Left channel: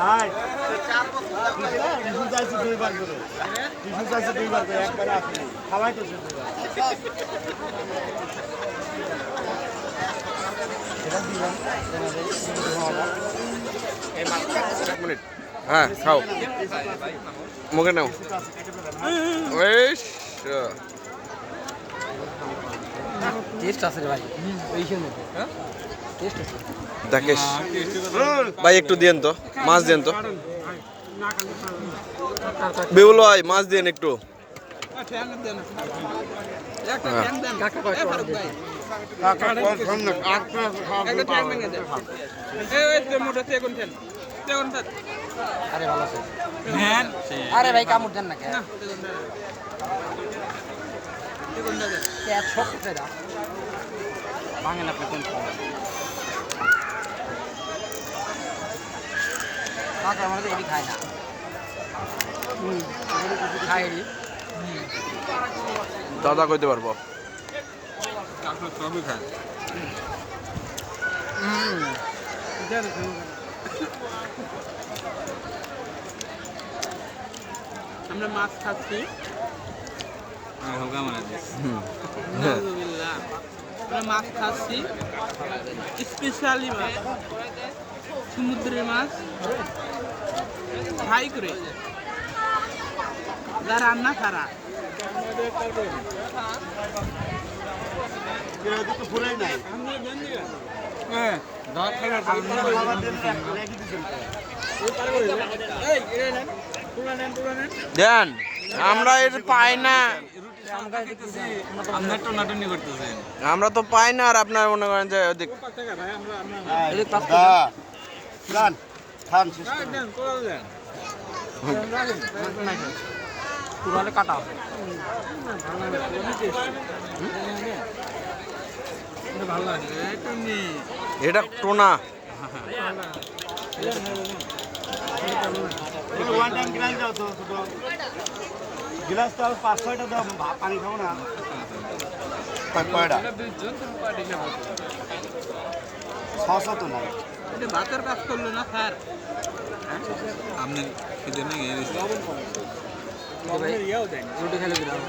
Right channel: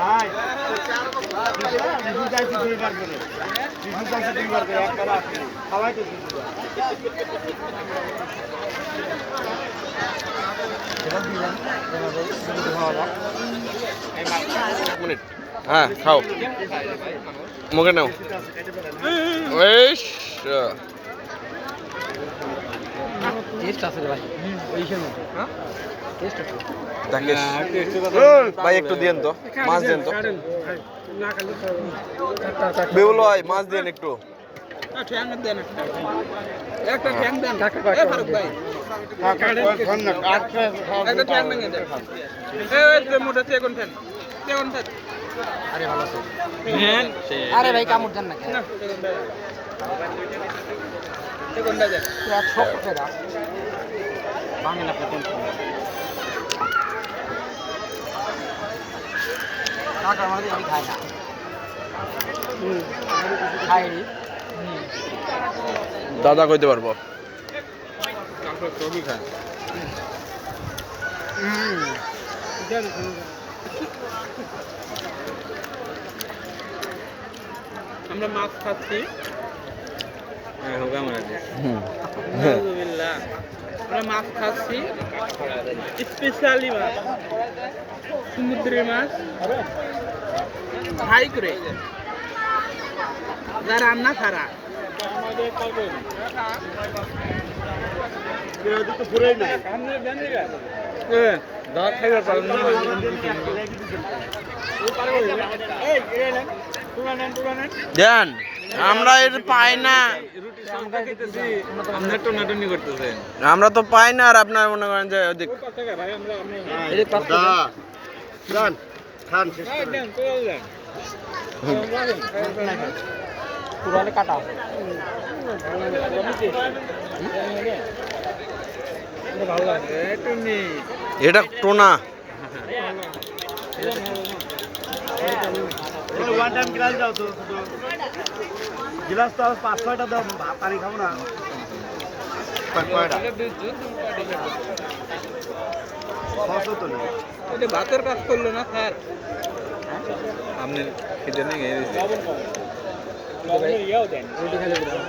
ভাই চাইছি দুইবার করে একবার আসলে সবাই তো মিনিট হ্যাঁ খাও মুখে নাও বেশ দেখিস ভাই একটু দিয়েন তো মাছ দেন তো বেউল ভাই মাছ দেন একটু আরে ভাই কামড় দেন না ভাঙেন আপনি কোন কাকার মধ্যে এটি খায় না খায়নি দাদা কইতে পারবো আমরা মাছ খাচ্ছি আমরা মাছ খাচ্ছি স্পেশালি মাছ সমুদ্রের মাছ ফ্রাই করে যা রান্না খারা পুরোই নাই দেন আমরা এর পাই না আমরা তো পাই না আর আপনার মনে করেন যে ওদিক পুরালে কাটা এটা টোনা ওয়ান টাইম গ্লাস দাও তো গ্লাস তো 5-6টা দাও পানি খাবো না কয়টা 600 তো না এটা ভাতের কাজ করলো না স্যার আপনার এটা নেই রুটি খেলে দিলাম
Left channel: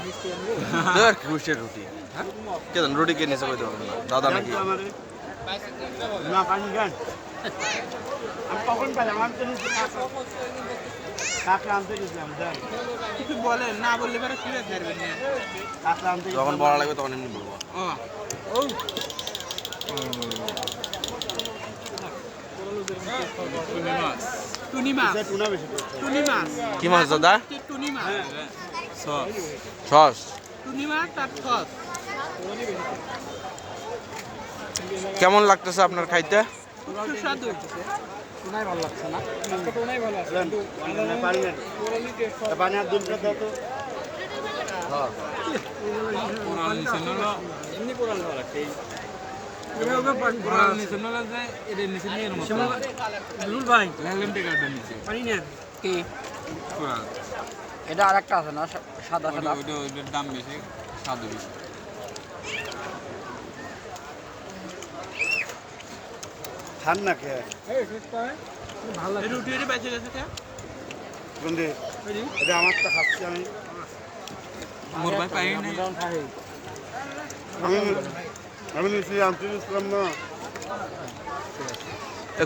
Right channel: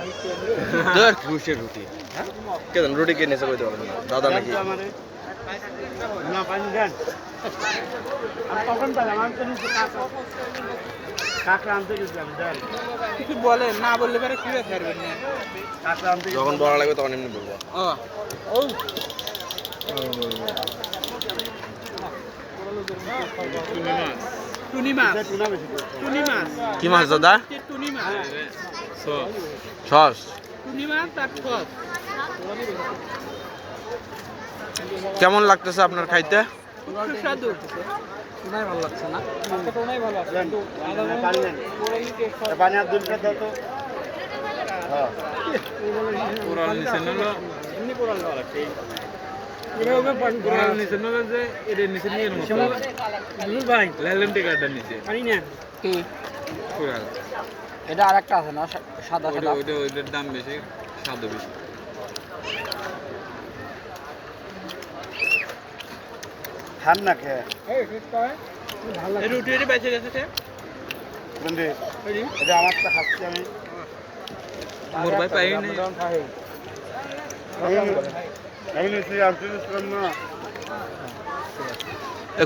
রুটি কেন রুটি কে নিচে কইতে পারবেন না দাদা নাকি না পানি দেন আমি কখন পেলাম আমি তো কাঁকড়া আনতে গেছিলাম দেন কিছু বলেন না বললে পরে কি ছাড়বেন না কাঁকড়া আনতে যখন বলা লাগবে তখন এমনি বলবো ও টুনি মাছ টুনা বেশি টুনি মাছ কি মাছ দাদা টুনি মাছ সস টুনি মাছ তার সস কেমন লাগতেছে আপনার খাইতে সুস্বাদু টুনাই ভালো লাগছে না টুনাই ভালো আছে পানি দেন পানি আর 2 লিটার দাও তো হ্যাঁ পুরান নিছেন না এমনি পুরান দেওয়া লাগছে পুরান নিছেন না যে এটা নিছেন নিয়ে মতো দুল ভাই লেলেন টিকাটা নিচে পানি না কি পুরান এটা আরেকটা আছে না সাদা সাদা ওইটার দাম বেশি সাদা বেশি খান না কে রুটি বেঁচে গেছে কে বন্ধু এটা আমার তো খাচ্ছি আমি মোর ভাই পাই না আমি নিশ্চয়ই আনতে দিচ্ছিলাম না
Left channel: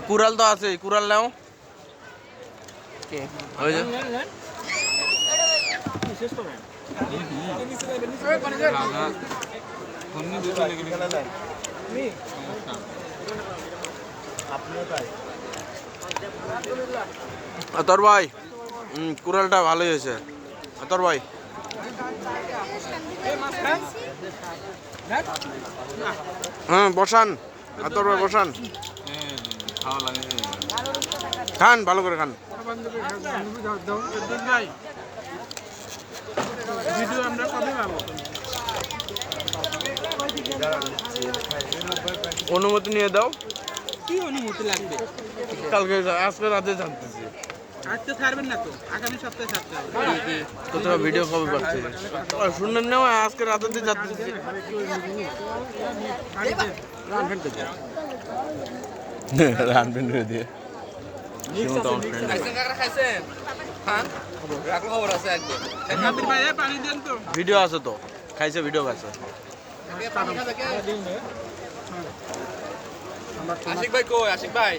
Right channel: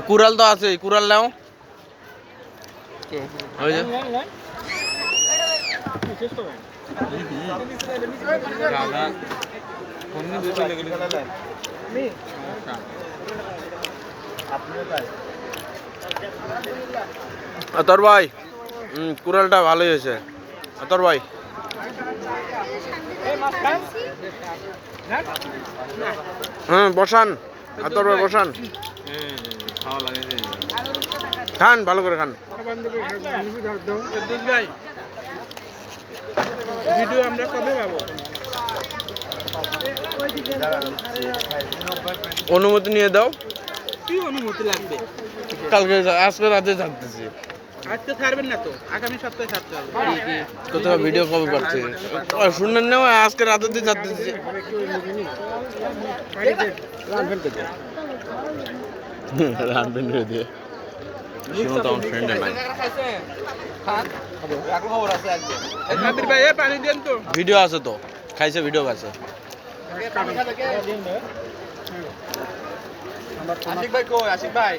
কুড়াল তো আছে কুড়াল নাও ওই যে তোর ভাই কুড়ালটা ভালোই হয়েছে তোর ভাই হ্যাঁ বসান তোর ভাই বসান খান ভালো করে খান ভিডিও আমরা কবে পাবো অনুমতি নিয়ে দাও কি অনুমতি লাগবে কালকে আজকে রাতে জানতেছি আজকে ছাড়বেন না তো আগামী সপ্তাহে ছাড়তে হবে কোথাও ভিডিও কবে পাচ্ছি শুনলেন না আজকে রাতে দিয়ে জানতেছি রানবেন দিয়ে শিমু তো আমার ফ্রেন্ড নাই কাবির ভাই পানি দেন তো ভিডিও আছে তো খাইছে ভিডিও আছে আশিক ভাই কই আশিক ভাই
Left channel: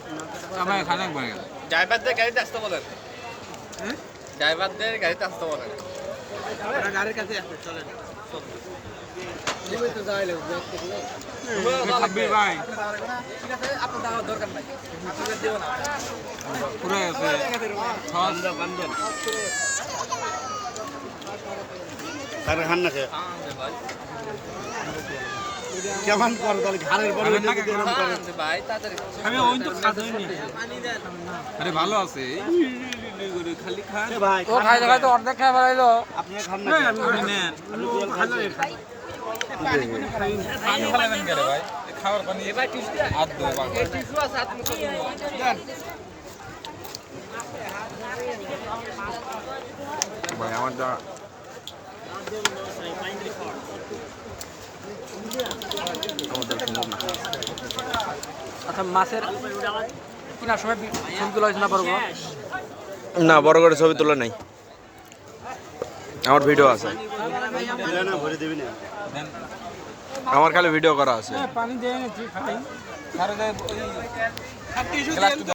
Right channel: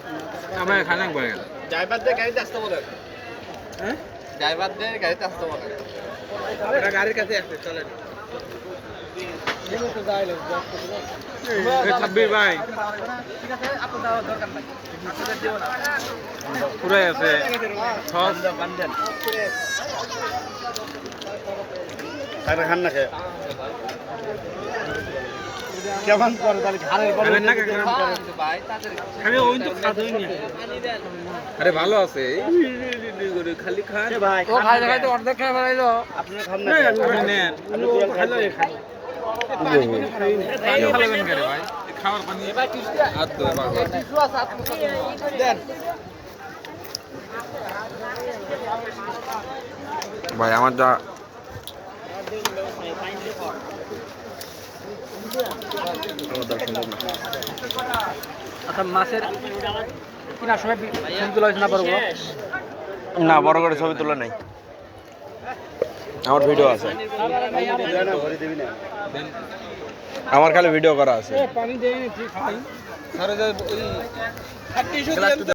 আমার খানা বলে ড্রাইভারদের গাড়িতে আসতে বলেন হ্যাঁ ড্রাইভারদের গাড়িতে আসতে বলেন গাড়ির কাছে আসতে চলেন কাবির ভাই পুরাই আছে তাহলে খান না খেয়ে কেমন করে তাহলে ঘাড়ের বড় ভাই তাড়াতাড়ি আমি ওই তো খাদই নি আরে ভালো আছে খালি খান ভাই ও খাই দেখাই তো অর্ধেক খেয়ে বেড়াইলো আপনার খান না না আপনি নেন ভালো খাই পানি খাবেন কেন ভাই খাওয়ার পানি ভাই টিস্যু হাত ধোয়া এই টিস্যু আছে হাত মুছে দেন ভাই আমার যা আচ্ছা মাছের কিনার সময় ছবি তোলা হয়েছে না বড় বড় না বড় করে ছবি তোলা নাই আমার ভিডিও আছে ভরে দিবি না আমার খালি ভিডিও করা আছে পানি দেন খাই